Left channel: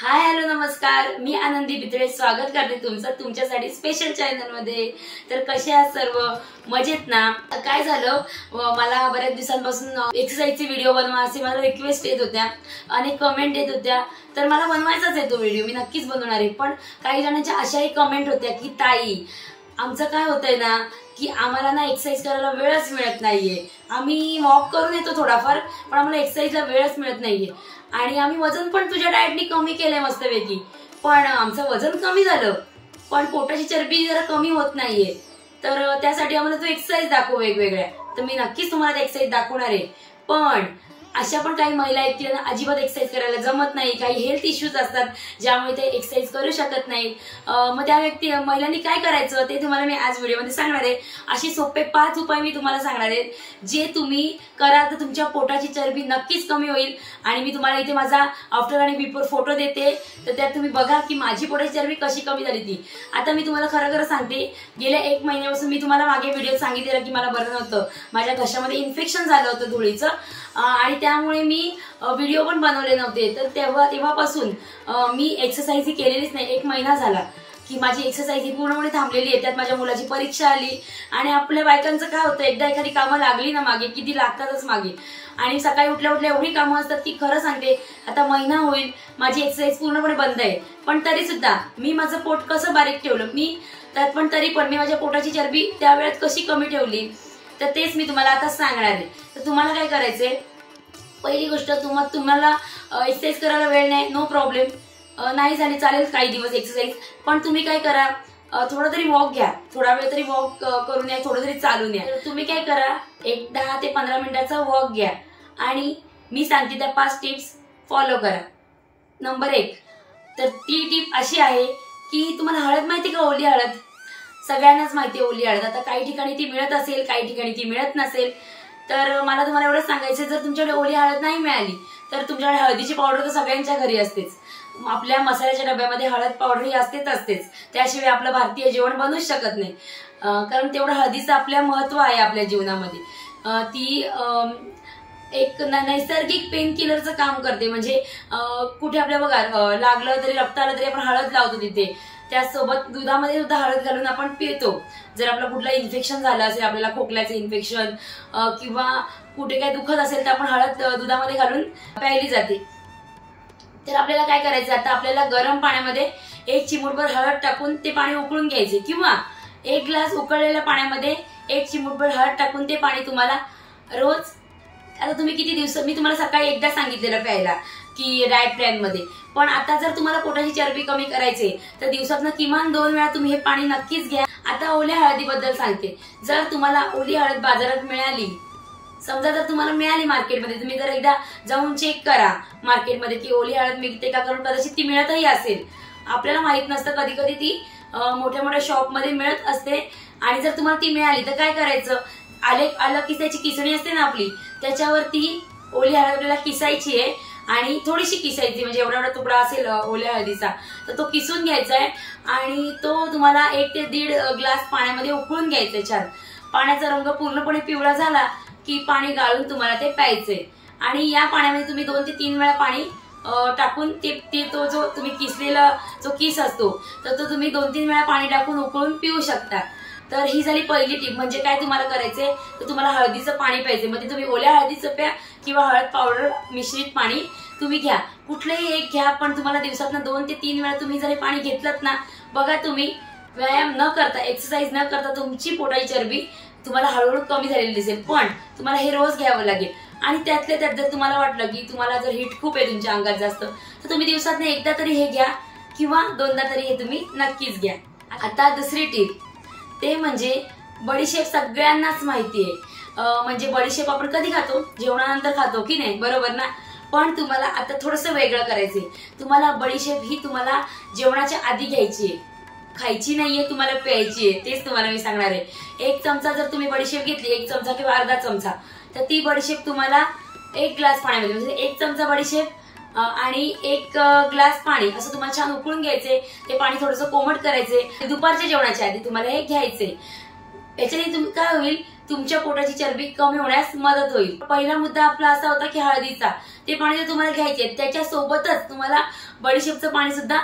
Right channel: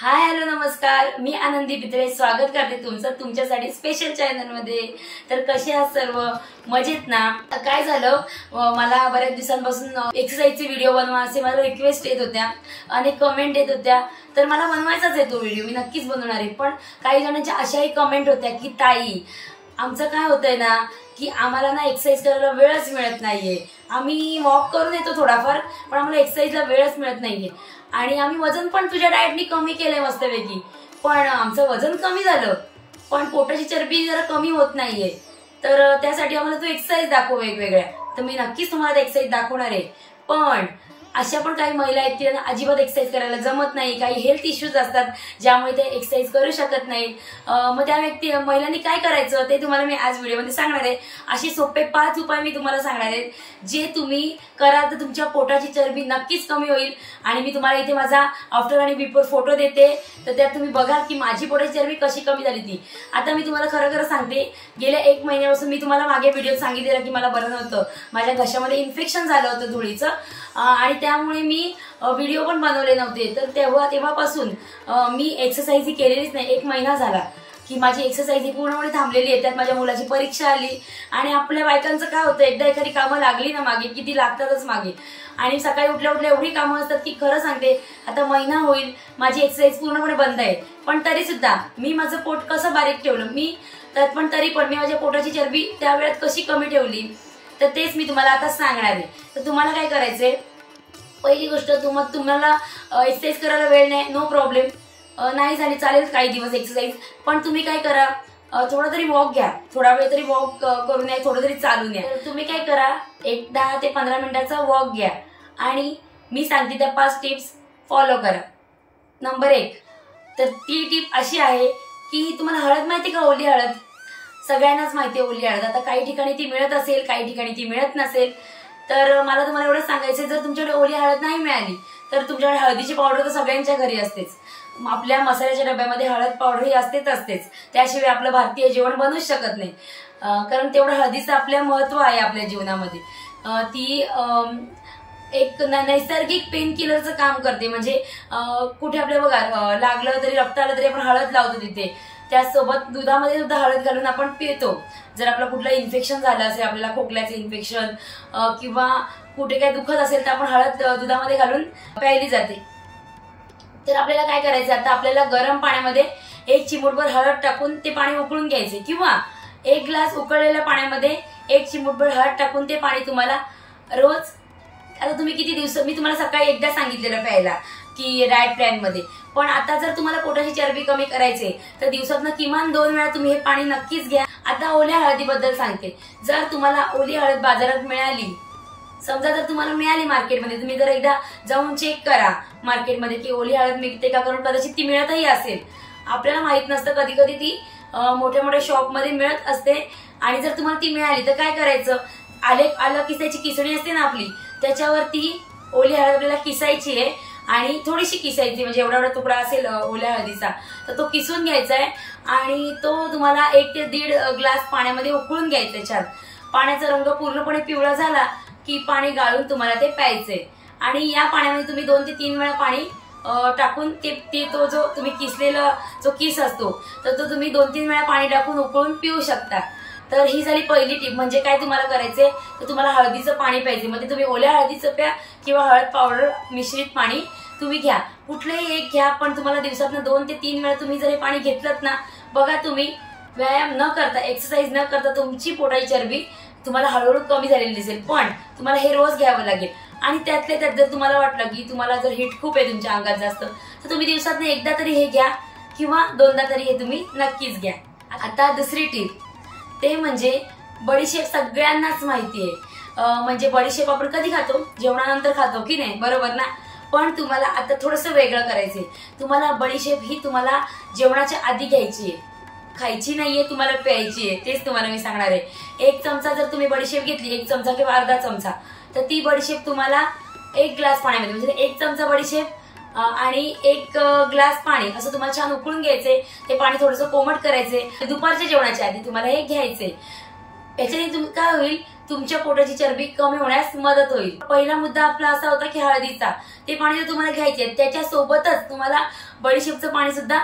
Hi hello नमस्कार, मी आनंदी बिद्रे स्वागत करते तुमचं तुमच्यासाठी स्पेशल चॅनल मध्ये। तर कसे आहात सर्व? मजेत ना? काय झालं, मला बऱ्याच दिवसांपासून एक्सरसाइजचे व्हिडिओ बनवा असे मला रिक्वेस्ट येत होत्या, अनेक कमेंट येत होत्या। तर मला बनवायचाच आहे तो व्हिडिओ, मी नक्कीच बनवणार आहे। पण काही जणांच्या अशाही कमेंट होत्या की ताई, आमचं काय होतंय ना की आम्हाला ना एक्सरसाइज करायला वेळच मिळत नाहीये। आम्ही वॉक करून येतो थोडाफार, पण आम्हाला एक्सरसाइजला वेळच मिळत नाहीये। आणि आम्ही वजन पण तुझ्या डाएटनी कमी केलंय मस्तपैकी, पण आमचं वजन कमी झालं, पण पोटाची चरबी जरा कमी होत नाहीये। तर त्यासाठी आम्हाला तू एक्सरसाइज दाखव वेगवेगळ्या। तर मी नक्कीच तुम्हाला एक्सरसाइज दाखवणार आहे। पण अशा पण काही महिला आहेत की त्यांना अजिबात एक्सरसाइज करायला जमत नाही, काही हेल्थ इश्यूज असतात ज्यामुळे ते एक्सरसाइज करू शकत नाही। मग त्या महिलांनी काय करायचं ते तुम्हाला मी आज व्हिडिओमध्ये सांगणार आहे। अशी सोपे 5 उपाय मी तुम्हाला सांगणार आहे, जे तुम्ही कराल तर तुमच्या पोटाची चरबी नक्कीच कमी होईल। आणि मी तुम्हाला इथे माझा आफ्टर आणि बिफोर फोटो देते, तर त्यात तुम्ही बघाल की माझी पोटाची चरबी कशी कमी झाली ती। आता मी तुम्हाला खरं खरं सांगते, गेल्या 1 महिन्यापासून मी तुम्हाला मागे व्हिडिओ सांगितलेलं की मला बरं नव्हतं, माझ्या घशामध्ये इन्फेक्शन झालं होतं धुळीचं, आणि त्यामुळे मी व्हिडिओ पण बनवले नव्हते। तर तेव्हापासून मी एक्सरसाइज ही केलेलीच नाही। 1 महिना झाला की माझी एक्सरसाइज ही पूर्णपणे थांबलेली आहे। त्यात माझ्या मुलाची परीक्षा आली, आणि आपल्या बायकांचं काय होतं, एकदा एखादी कामं लागली ना मागे की ती लागतातच मागे। आणि सकाळी उठल्या उठल्या एवढी कामं असतात की खरं सांगते, आता महिना होईल माझी एक्सरसाइज पूर्णपणे बंद आहे। पण तरी सुद्धा मी माझं पोट कसं बारीक ठेवलं, तरी पण मी माझ्या पोटाची चरबी त्या वेळात कशी कमी ठेवली, तर तेच मी तुम्हाला आता सांगणार आहे। तर तुम्हाला काय करायचंय, पहिली गोष्ट, तुम्हाला एक्सरसाइज करायला वेळ नाही, नो प्रॉब्लेम, नाही झाली चालेल काही दिवस एक्सरसाइज, पण तुम्ही काय करा, थोडा तरी वॉक घ्या, थोडा वेळ तरी वॉक करून या, थोडं तरी चालून या। तुम्ही काय करा, एक 10 ते 15 मिनिटाचा वॉक घ्या, आणि मी सांगते त्या 5 टिप्स फॉलो करा। नंबर 1, तर ती टिप अशी आहे की तुम्हाला हळद माहिती का, ओली हळद, सगळ्यांनाच माहिती आहे ओली हळद। आता काही ठिकाणी ती मिळत असेल, काही ठिकाणी ती मिळत नसेल। तर मला तुम्हाला एवढं सांगायचं, जर तुमच्याकडे ओली हळद नाही मिळाली तर तुमच्याकडे हळदीची पावडर तर सगळ्यांच्या घरी असतेच। आपल्या मसाल्याच्या डब्यामध्ये हळद पावडर ही असतेच, त्याशिवाय आपलं भारतीय जेवण बनूच शकत नाही, कारण तेवढं हळदीचं आपल्या महत्व आहे आपल्या जीवनामध्ये। ती एक नैसर्गिक पेन किलरचं काम करते। म्हणजे कुठे आपल्या बघा लागलं तरी, रक्त आलं तरी आपण हळद लावतो तिथे। त्यासोबत दुधामध्ये सुद्धा हळद घालून आपण पितो। जर आपलं कुठलं इन्फेक्शन झालं असेल, आपल्याला खोकल्याचं इन्फेक्शन किंवा कुठे काही दुखत असेल, तर आपण हळद दुधामध्ये घालून प्यायली जाते। तर आपल्याला काय करायचं, आता आपल्याला गरम पाण्यामध्ये 1 चिमूटभर हळद टाकून ते पाणी उकळून घ्यायचे, किंवा 1 ग्लास उकळलेल्या पाण्यामध्ये 1 चिमूटभर हळद टाकून ते पाणी तुम्हाला रोज, आता तुम्ही किती दिवस, मी तुम्हाला सकाळी एकदा सांगितलेलं प्यायला की डाएट प्लॅन मध्ये, पण आता जर तुम्हाला पोटाची चरबी कमी करायची तर दिवसातनं किमान 2 वेळा तुम्ही हे पाणी नक्कीच घ्या। आता ओल्या हळदीबद्दल सांगते, जर तुम्हाला ओली हळद बाजारात मिळाली, समजा जर तुम्हाला मिळाली मार्केटमध्ये, तुम्ही जर एकदा जाऊन चेक करा मार्केटमध्ये की ओली हळद मिळते का, कारण कदाचित ती मिळतही असेल, आपल्याला माहित नसतं, कधी कधी ती मोठ्या मोठ्या शॉपमध्ये मिळत असते। आणि जर तुम्हाला ती मिळाली तर काय करायचं, आलं किसायची किसणी असते ना आपली, त्याच्यावरती ओली हळद आपल्याला किसायची आहे, आणि थोडीशी किसायची, म्हणजे एवढा तुकडा असेल ओल्या हळदीचा, तर तो किसून घ्यायचा आहे, आणि तो तुम्हाला 1 ते 1.5 ग्लास पाण्यामध्ये उकळून घ्यायचा आहे। छान पाण्याचा रंग पूर्णपणे पिवळा झाला की पाणी गाळून तुम्हाला ते प्यायचंय। आणि या पाण्यामध्ये तुम्ही 2 ते 3 वेळा पाणी टाकून ते तो जो तुम्ही किसलेला जो किस असतो, तर तो तुम्ही 2-3 वेळा पाणी टाकून उकळून पिऊ शकता। तर ही झाली पहिली टीप। म्हणजे काय तुम्हाला करायचंय, तर तुम्हाला हळदीचं पाणी प्यायचे, म्हणजे तुम्ही ओल्या हळदीचं प्या किंवा हळद पावडर मिश्रित पाणी तुम्ही घ्या, कुठलंही एक घ्या, पण तुम्हाला दिवसातनं 2 ते 3 वेळा तुम्ही जर हे पाणी घेतलं ना, बघा तुम्ही व्यायाम न करता, एक्सरसाइज न करता तुमची पोटाची चरबी तुम्हाला हळूहळू कमी झालेली दिसेल। पण तुम्हाला हे रोज घ्यावं लागेल। आणि त्यातल्या त्यात जर तुम्हाला वाटलं की तुम्हाला जर हीट खूप आहे तुमच्या अंगात जास्त, तर तुम्ही दिवसातनं एकदा तरी हे घ्या, किंवा 2दा तरी हे तुम्ही नक्कीच घ्या। आता दुसरी टीप, ते म्हणजे बडीशेप सगळ्यांनाच माहिती आहे। म्हणजे बडीशेप आपण कधी खातो, जेवणानंतर खातो की नाही, बरोबर ना? पण तुम्हाला आता थोडंसं वेगळं करायचंय। तुम्हाला बडीशेप ही तुम्हाला जेवणाच्या आधी घ्यायची आहे, खायची नाहीये, तुम्हाला प्यायची आहे। तेच तुम्हाला मी सांगणार आहे। 1 चमचा जर तुम्ही बडीशेप घेतली, 1 चमचा किंवा अर्धा चमचा, तर ती बडीशेप तुम्हाला 1 ग्लास पाण्यामध्ये, म्हणजे 1 चमचा बडीशेप आणि 1 ग्लास पाणी असं तुम्हाला छान उकळून घ्यायचंय। ते पाणी थोडंसं कोमट करायचंय, दुपारच्या जेवणाच्या आधी तुम्हाला हे घ्यायचंय। याच्याने काय होईल, तुमच्या पोटाची चरबी कमी होण्यास मदत होईल। पहिला मुद्दा आपला असा होता की हळदीचा, ते पाणी जर तुम्हाला घ्यायचे त्याच्यासोबतच तुम्हाला बडीशेपचं पाणी सुद्धा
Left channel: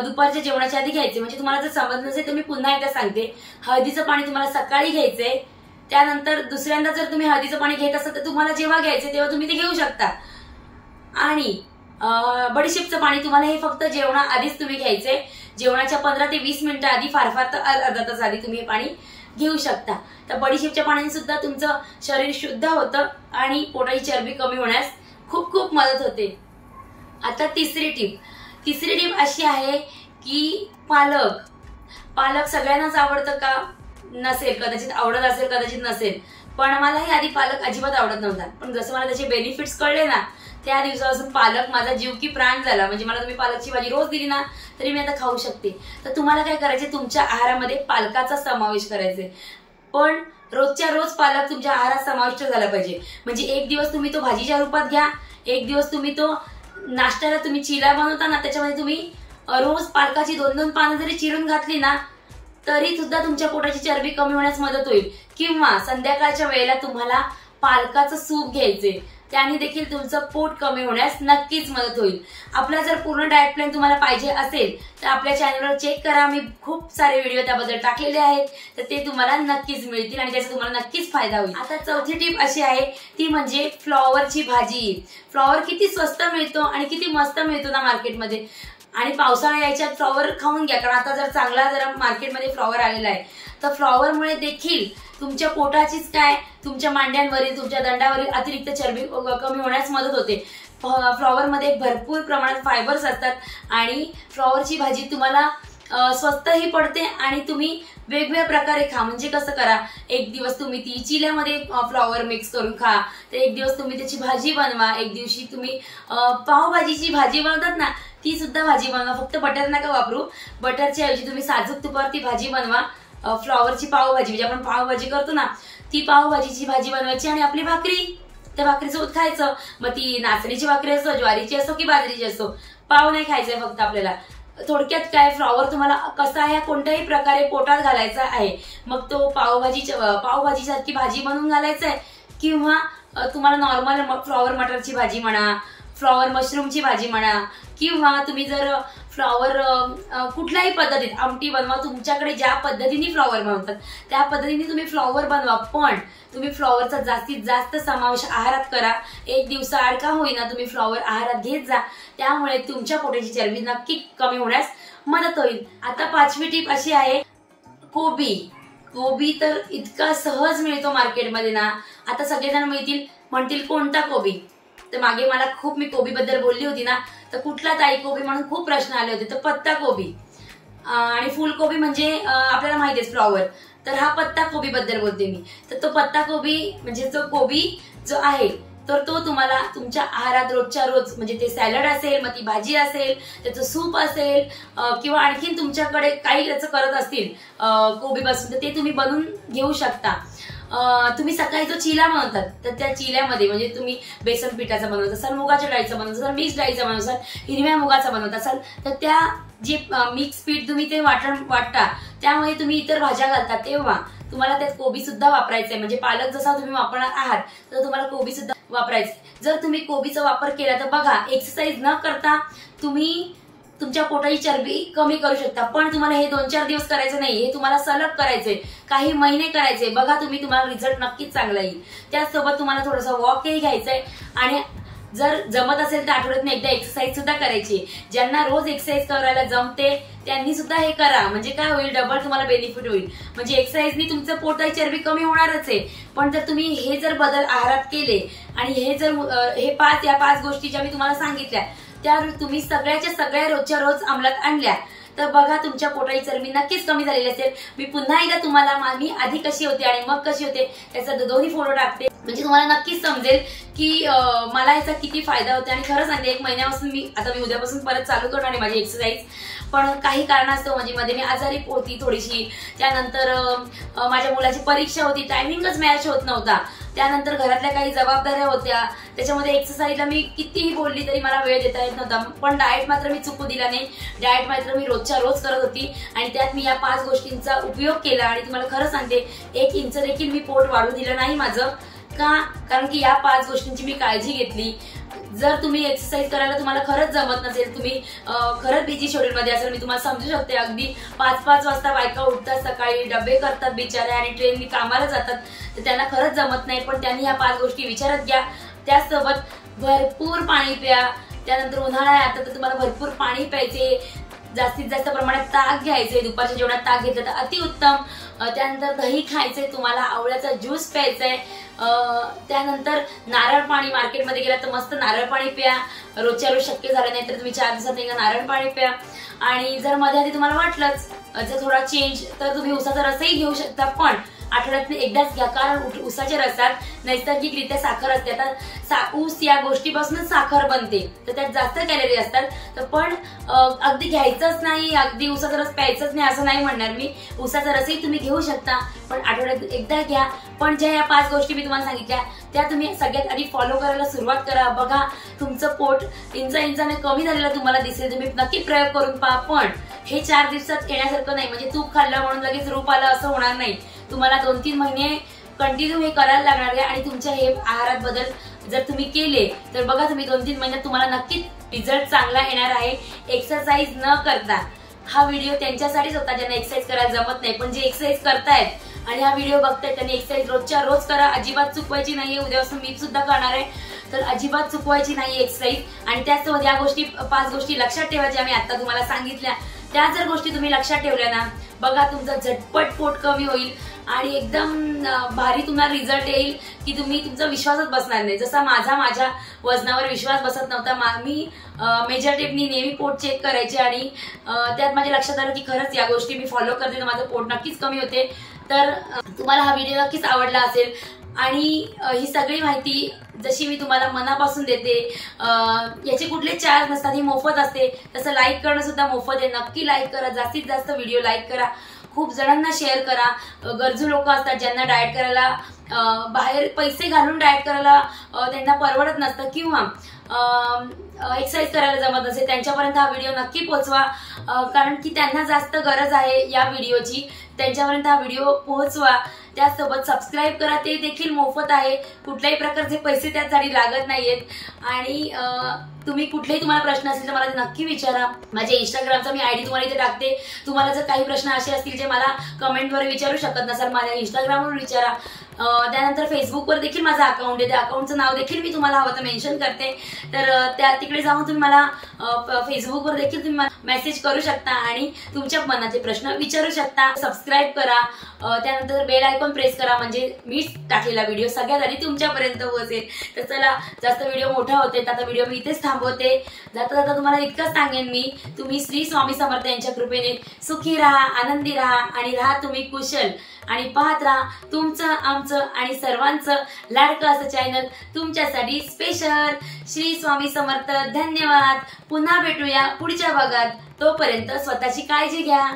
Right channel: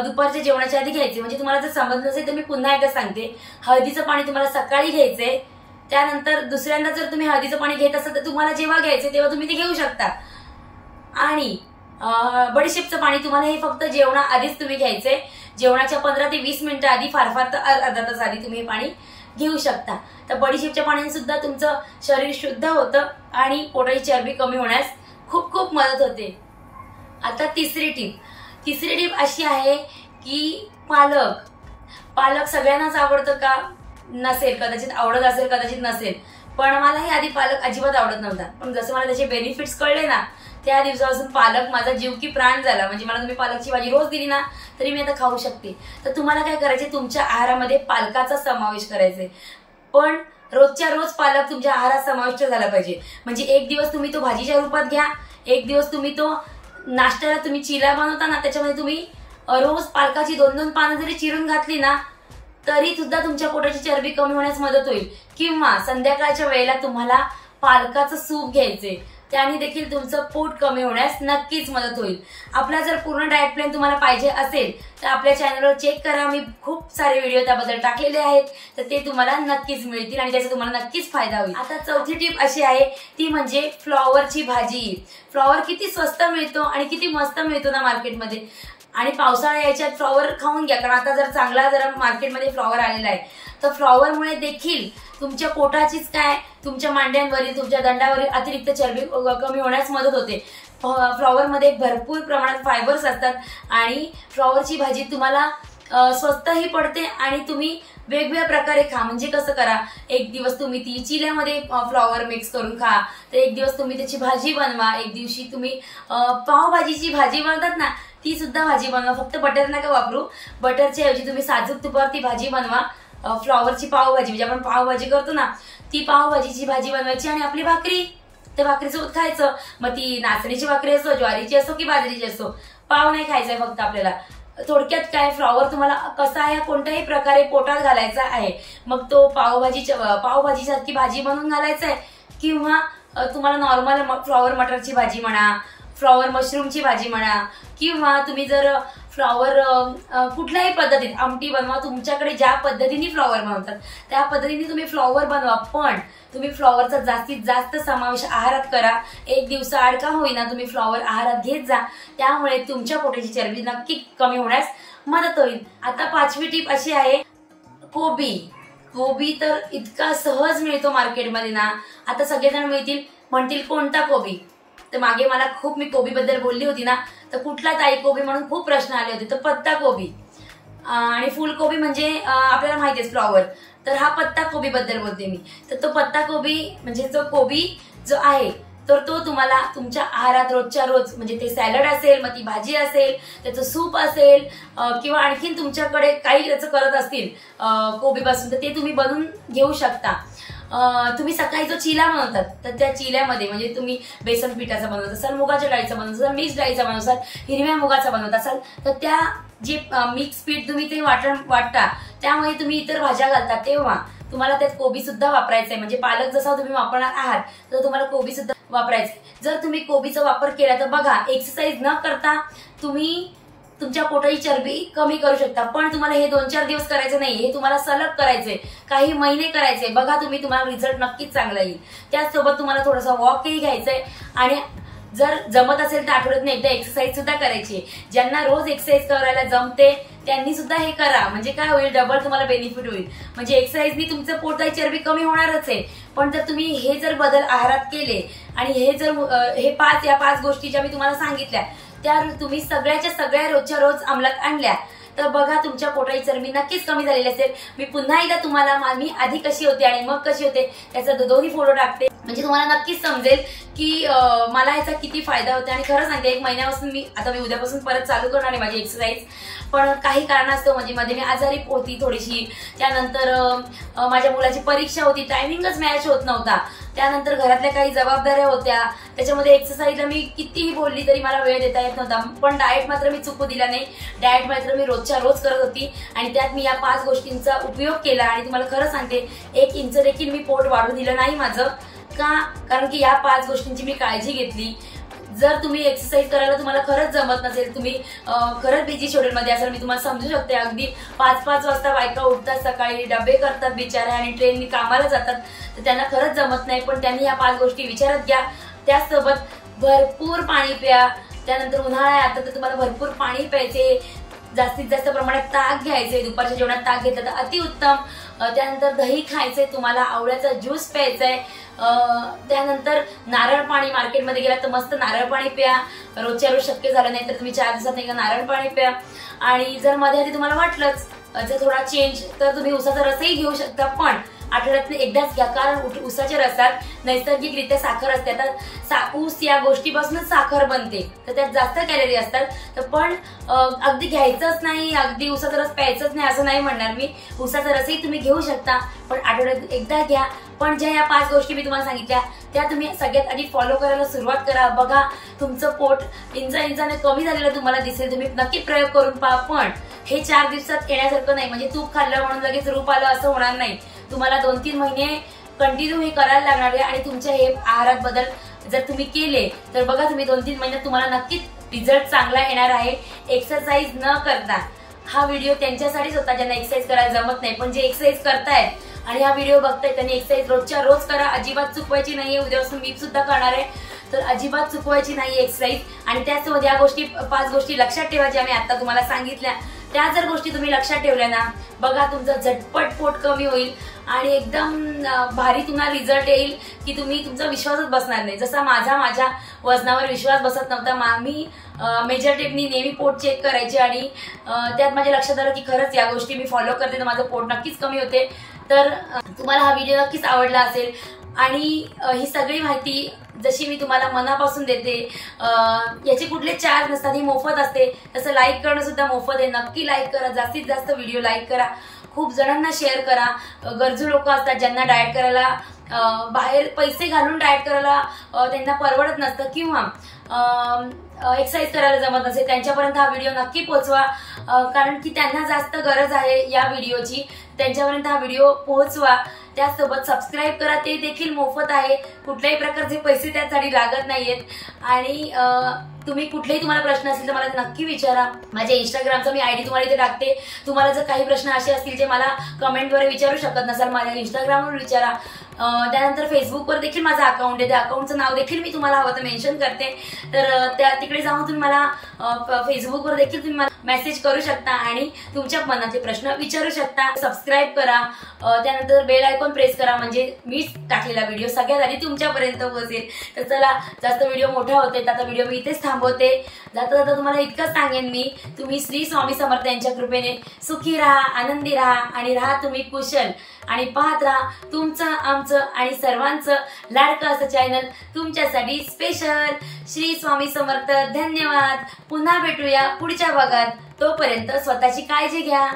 दुपारच्या जेवणाच्या आधी घ्यायचे। म्हणजे तुम्हाला जर समजलं नसेल तर मी पुन्हा एकदा सांगते, हळदीचं पाणी तुम्हाला सकाळी घ्यायचंय, त्यानंतर दुसऱ्यांदा जर तुम्ही हळदीचं पाणी घेत असाल तर तुम्हाला जेव्हा घ्यायचं तेव्हा तुम्ही ते घेऊ शकता। आणि बडीशेपचं पाणी तुम्हाला हे फक्त जेवणाआधीच तुम्ही घ्यायचंय, जेवणाच्या 15 ते 20 मिनिटं आधी, फार फार तर अर्धा तास आधी तुम्ही हे पाणी घेऊ शकता। तर बडीशेपच्या पाण्याने सुद्धा तुमचं शरीर शुद्ध होतं आणि पोटाची चरबी कमी होण्यास खूप खूप मदत होते। आता तिसरी टीप अशी आहे की पालक सगळ्यांनाच आवडतं का नसेल, कदाचित आवडत असेल कदाचित नसेल, पण मलाही आधी पालक अजिबात आवडत नव्हता। पण जसं मला त्याचे बेनिफिट्स कळले ना, त्या दिवसापासून पालक माझा जीव की प्राण झाला। म्हणजे मला तुम्ही पालकची भाजी रोज दिली ना तरी मी आता खाऊ शकते। तर तुम्हाला काय करायचे, तुमच्या आहारामध्ये पालकाचा समावेश करायचे, पण रोजच्या रोज पालक तुमच्या आहारात समाविष्ट झाला पाहिजे। म्हणजे एक दिवस तुम्ही तो भाजीच्या रूपात घ्या, एक दिवस तुम्ही तो नाश्त्याला तुम्ही चिला बनवता ना त्याच्यामध्ये तुम्ही रोज पालकाची 2-2 पानं जरी चिरून घातली ना तरी सुद्धा तुमच्या पोटाची चरबी कमी होण्यास मदत होईल। किंवा संध्याकाळच्या वेळेला तुम्हाला पालकाचं सूप घ्यायचे, त्याने देखील तुमचं पोट कमी होण्यास नक्कीच मदत होईल। आपला जर पूर्ण डाएट प्लॅन तुम्हाला पाहिजे असेल तर आपल्या चॅनलवर चेक करा, मी खूप सारे व्हिडिओ त्याबद्दल टाकलेले आहेत, तर ते तुम्हाला नक्कीच मिळतील आणि त्याचा तुम्हाला नक्कीच फायदा होईल। आता चौथी टीप अशी आहे ती म्हणजे फ्लॉवरची भाजी। फ्लॉवर किती स्वस्त मिळतो आणि किती मस्त मिळतो ना मार्केटमध्ये, आणि पावसाळ्या याच्यात फ्लॉवर खाऊन घ्या, कारण आता जर चांगला जरा मार्केटमध्ये फ्लॉवर आलेला आहे, तर फ्लॉवरमुळे देखील तुमच्या पोटाचीच काय, तुमच्या मांड्यांवरील, तुमच्या दंडावरील अतिरिक्त चरबी कमी होण्यास मदत होते। फ्लॉवरमध्ये भरपूर प्रमाणात फायबर्स असतात आणि फ्लॉवरची भाजी तुम्हाला स्वस्तही पडते आणि तुम्ही वेगवेगळ्या प्रकारे खा। म्हणजे कसं करा, एक दिवस तुम्ही ती चिल्यामध्ये फ्लॉवर मिक्स करून खा, तर एक दिवस तुम्ही त्याची भाजी बनवा, एक दिवशी तुम्ही पावभाजीची भाजी बनवतात ना ती सुद्धा भाजी बनवा। फक्त बटर नका वापरू, बटरच्या ऐवजी तुम्ही साजूक तुपावर ती भाजी बनवा। फ्लॉवरची पावभाजी म्हणजे आपण पावभाजी करतो ना, ती पावभाजीची भाजी बनवायची आणि आपली भाकरी त्या भाकरीसोबत खायचं। मग ती नाचणीची भाकरी असो, ज्वारीची असो की बाजरीची असो, पाव नाही खायचंय फक्त आपल्याला। थोडक्यात काय, फ्लॉवर तुम्हाला कसा आहे कोणत्याही प्रकारे पोटात घालायचा आहे, मग तो पावभाजीसारखी भाजी बनवून घालायचा आहे किंवा तुम्हाला नॉर्मल फ्लॉवर मटरची भाजी म्हणा, फ्लॉवर मशरूमची भाजी म्हणा, किंवा तुम्ही जर फ्लॉवर कुठल्याही पद्धतीत आमटी बनवा, तुमच्याकडे ज्या पद्धतीने फ्लॉवर बनवतात त्या पद्धतीने तुम्ही फ्लॉवर बनवा, पण तुम्ही फ्लॉवरचा जास्तीत जास्त समावेश आहारात करा। एक दिवसाआड का होईना तुम्ही फ्लॉवर आहारात घेत जा, त्यामुळे तुमच्या पोटाची चरबी नक्की कमी होण्यास मदत होईल। आता पाचवी टीप अशी आहे, कोबी तर इतका सहज मिळतो मार्केटमध्ये ना, आता सगळेजण म्हणतील कोणता कोबी, तर मागे मला खूप मी कोबी बद्दल बोलली होती ना, तर कुठला ताई कोबी म्हणून खूप प्रश्न आले होते, तर पत्ता कोबी आणि फुलकोबी म्हणजे आपल्याला माहिती आहे फ्लॉवर, तर हा पत्ता कोबी बद्दल बोलते मी। तर तो पत्ता कोबी म्हणजे तो कोबी जो आहे तर तो तुम्हाला तुमच्या आहारात रोजच्या रोज, म्हणजे ते सॅलड असेल, मग ती भाजी असेल, त्याचं सूप असेल किंवा आणखीन तुमच्याकडे काही त्याचं करत असतील कोबीपासून, तर ते तुम्ही बनवून घेऊ शकता। तुम्ही सकाळी जो चिला बनवतात तर त्या चिल्यामध्ये म्हणजे तुम्ही बेसन पिठाचा बनवत असाल, मुगाच्या डाळीचा बनवत असाल, मिक्स डाळीचा बनवत असाल, हिरव्या मुगाचा बनवत असाल, तर त्या जे मिक्स पीठ तुम्ही ते वाटता त्यामध्ये तुम्ही इतर भाज्या घालता, तेव्हा तुम्हाला त्यात कोबी सुद्धा वापरायचा आहे। म्हणजे पालक जसा तुम्ही वापरणार आहात तर तुम्हाला कोबी सुद्धा वापरायचं। जर तुम्ही कोबीचा वापर केला तर बघा, एक्सरसाइज न करता तुम्ही तुमच्या पोटाची चरबी कमी करू शकता, पण तुम्हाला हे 2-4 दिवस करायचं नाही, हे तुम्हाला सलग करायचंय, काही महिने करायचे। बघा तुम्हाला रिझल्ट नक्कीच चांगला येईल। त्याचसोबत तुम्हाला थोडासा वॉकही घ्यायचंय आणि जर जमत असेल तर आठवड्यातून एकदा एक्सरसाइज सुद्धा करायची। ज्यांना रोज एक्सरसाइज करायला जमते त्यांनी सुद्धा हे करा, म्हणजे काय होईल, डबल तुम्हाला बेनिफिट होईल। म्हणजे एक्सरसाइजनी तुमचं पोटाची चरबी कमी होणारच आहे, पण जर तुम्ही हे जर बदल आहारात केले आणि हे पाच गोष्टी ज्या मी तुम्हाला सांगितल्या त्या तुम्ही सगळ्याच्या सगळ्या रोजच्या रोज अंमलात आणल्या तर बघा तुमच्या पोटाची चरबी नक्कीच कमी झालेली असेल। मी पुन्हा एकदा तुम्हाला मी आधी कशी होते आणि मग कशी होते त्याचा दोन्ही फोटो टाकते, म्हणजे तुम्हाला नक्कीच समजेल की मला याचा किती फायदा होतो। आणि खरं सांगते, 1 महिन्यापासून मी उद्यापासून परत चालू करणार आहे माझी एक्सरसाइज, पण काही कारणास्तव म्हणजे मध्ये मी आजारी होती थोडीशी, त्यानंतर माझ्या मुलाची परीक्षा होती, टायमिंगच मॅच होत नव्हता, त्यानंतर घरातल्या काही जबाबदाऱ्या होत्या, त्याच्यामध्ये एक्सरसाइजला मी कितीही बोलली तरी मला वेळ देता येत नव्हता, पण डाएट मात्र मी चुकू दिला नाही. डाएट मात्र मी रोजच्या रोज करत होती आणि त्यात मी या 5 गोष्टींचा उपयोग केला. आणि तुम्हाला खरं सांगते 1 इंच देखील मी पोट वाढू दिलं नाही माझं. का? कारण की या 5 गोष्टींची मी काळजी घेतली. जर तुम्ही एक्सरसाइज करायला तुम्हाला खरंच जमत नसेल, तुम्ही खरंच बिझी शेड्यूलमध्ये असाल, मी तुम्हाला समजू शकते. अगदी 5-5 वाजता बायका उठतात, सकाळी डबे करतात बिचाऱ्या आणि ट्रेननी कामाला जातात, तर त्यांना खरंच जमत नाही. पण त्यांनी ह्या 5 गोष्टी विचारात घ्या. त्याचसोबत भरपूर पाणी प्या. त्यानंतर उन्हाळा आहे आता, तर तुम्हाला भरपूर पाणी प्यायचे, जास्तीत जास्त प्रमाणात ताक घ्यायचे. दुपारच्या जेवणात ताक घेतलं तर अतिउत्तम. त्यानंतर दही खायचंय, तुम्हाला आवळ्याचा ज्यूस प्यायचाय. त्यानंतर नारळ पाणी, मार्केटमध्ये गेला तर मस्त नारळ पाणी प्या. रोजच्या रोज शक्य झालं नाही तर तुम्ही 4 दिवसात एकदा नारळ पाणी प्या. आणि जर मध्ये आधी तुम्हाला वाटलंच जर थोडा चेंज, तर तुम्ही उसाचा रसही घेऊ शकता, पण आठवड्यातून एकदाच घ्या. कारण उसाच्या रसात नैसर्गिकरित्या साखर असते. आता ऊस या गोष्टीपासूनच साखर बनते, तर त्यात जास्त कॅलरी असतात. तर पण अगदी घ्यायचंच नाही, अगदी उसाचा रस प्यायचंच नाही असं नाही म्हणणार मी. उसाचा रसही तुम्ही घेऊ शकता, पण आठवड्यात एकदा घ्या. पण ज्या या 5 गोष्टी मी तुम्हाला सांगितल्या त्या तुम्ही सगळ्यात आधी फॉलो करायला सुरुवात करा. बघा तुमचं पोट इंचाने कमी झालेलं तुम्हाला दिसेल. तुम्ही नक्की प्रयोग करून पहा. पण हे 4 दिवसात येण्यासारखं नाही, म्हणजे तूप खाल्लं म्हणून लगेच रूप आलं असं होणार नाही. तुम्हाला 2-3 महिने कंटिन्यू हे करायला लागणार आहे. आणि तुमच्या हे आहारात बदल जर तुम्ही केले तर बघा तुम्ही 2-3 महिन्यात तुम्हाला नक्कीच रिझल्ट चांगला येणार आहे. एक्सरसाइज न करता हा व्हिडिओ त्यांच्यासाठीच होता ज्यांना एक्सरसाइज करायला जमत नाही, पण जे एक्सरसाइज करतायत आणि हा व्हिडिओ बघतायत त्यांनी एक्सरसाइज रोजच्या रोज करा. अजिबात चुकवायची नाहीये. उद्यापासून मी सुद्धा करणार आहे, तर अजिबात चुकवायची नाही एक्सरसाइज. आणि त्याचसोबत या गोष्टी 5 गोष्टी लक्षात ठेवायच्या मी आता तुम्हाला सांगितल्या. त्या जर गोष्टी तुम्ही लक्षात ठेवल्या ना, बघा तुमचं झटपट पोट कमी होईल आणि एकदम भारी तुम्हाला रिझल्ट येईल की तुम्ही तुमचा विश्वासच बसणार नाही. जसा माझ्या वजनावर विश्वास बसत नव्हता, मी मेजर टेपनी नेहमी पोट चेक करायचे आणि त्यात माझ्या लक्षात आलं की खरंच या गोष्टी मी फॉलो करते तर माझं पोट नक्कीच कमी होते. तर तुम्हाला हा व्हिडिओ नक्कीच आवडला असेल. आणि ही सगळी माहिती जशी मी तुम्हाला मनापासून देते, याचे कुठले चार्ज नसतात, ही मोफत असते. तसं लाईक करणं सुद्धा मोफत आहे. नक्की लाईक करा, जास्तीत जास्त व्हिडिओ लाईक करा, खूप जणांना शेअर करा. गरजू लोक असतात ज्यांना डाएट करायला बाहेर पैसे घालून डाएट करायला त्यांना परवडत नसतं किंवा एक्सरसाइज करायला जमत नसेल, त्यांच्यापर्यंत हा व्हिडिओ नक्की पोहोचवा. कारण की त्यांना जास्त गरज आहे या व्हिडिओची. त्यांच्यापर्यंत हा व्हिडिओ पोहोचवा. त्याचसोबत सबस्क्राईब करा, ते देखील मोफत आहे. कुठल्याही प्रकारचे पैसे त्यासाठी लागत नाहीयेत. आणि तुम्ही कुठलेही तुम्हाला प्रश्न असतील तर मला ते नक्की विचारा. माझ्या इंस्टाग्रामचा मी आयडी तुम्हाला इथे टाकते. तुम्हाला जर काही प्रश्न असे असतील जे मला कमेंटद्वारे विचारू शकत नसाल, माझ्या इंस्टाग्रामवर विचारा. त्यानंतर फेसबुकवर देखील माझं अकाउंट आहे, त्या अकाउंटचं नाव देखील मी तुम्हाला हवं तर मेन्शन करते. तर तिकडे जाऊन तुम्ही मला फेसबुकवर देखील तुम्ही मला मेसेज करू शकता आणि तुमच्या मनाचे प्रश्न विचारू शकता. सबस्क्राईब करा, त्यानंतर बेल आयकॉन प्रेस करा, म्हणजे मी टाकलेला व्हिडिओ सगळ्यात आधी तुमच्यापर्यंत पोहोचेल. तर चला, जास्त व्हिडिओ मोठा होते, आता व्हिडिओ मी इथेच थांबवते. जाता जाता तुम्हाला इतकंच सांगेन मी, तुम्ही श्री स्वामी समर्थ यांच्या कृपेने सुखी राहा, आनंदी राहा आणि राहा तुम्ही कुशल. आणि पाहत राहा तुमचं, आमचं आणि सर्वांचं लाडकं असं चॅनल तुमच्यासाठी स्पेशल. श्री स्वामी समर्थ. धन्यवाद. पुन्हा भेटूया पुढच्या भागात. तोपर्यंत स्वतःची काळजी घ्या.